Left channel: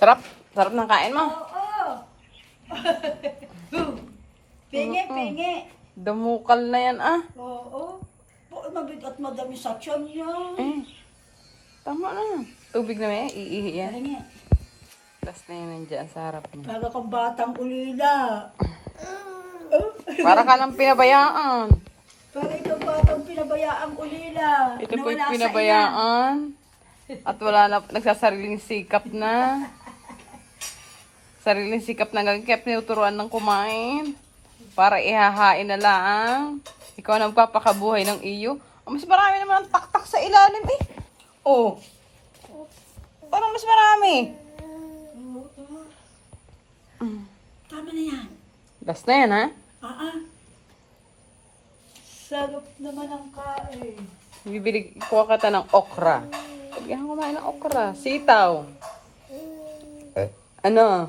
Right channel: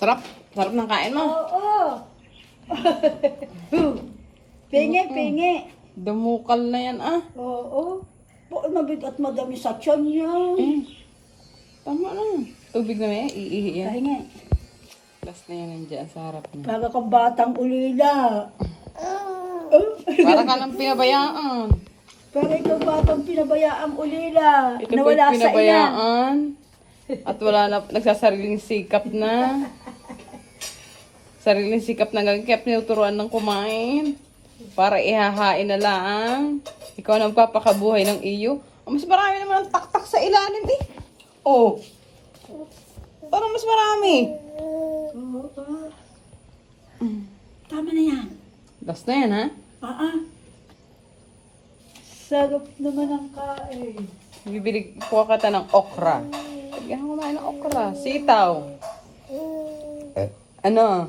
Sarap. Sarap ng kain mo. Oo. Pingi, pingi. Dumukal na yan ah. Oo. Mabigat madami sa tiyan yan. Eh. Tama na. Tubig na yan. Iihi yan. Pingi. Last na yan nandiyan sa harap mo. Para kang batang ulila. Para ka lang pinabayaan. Para ikaw batang pinabayaang ulila. Ito po'y Nawala sa ina. pinabayaan. At wala na, nagsasariling sikap na. Sariling sikap na gagawin. Kaya tinuturuan ng kumain. Para ihahain na lang. Ikaw na magpapakabuhay ng iyo. Oh, mas marami naman ang taktak sa ilalim eh. Oh. Parang mas marami. Oo. Tama na yan. Last na yan ha. Sarap naman ang kain. Bibili ko kita ng okra. Yan kumain ng okra. Sitaw. Ano?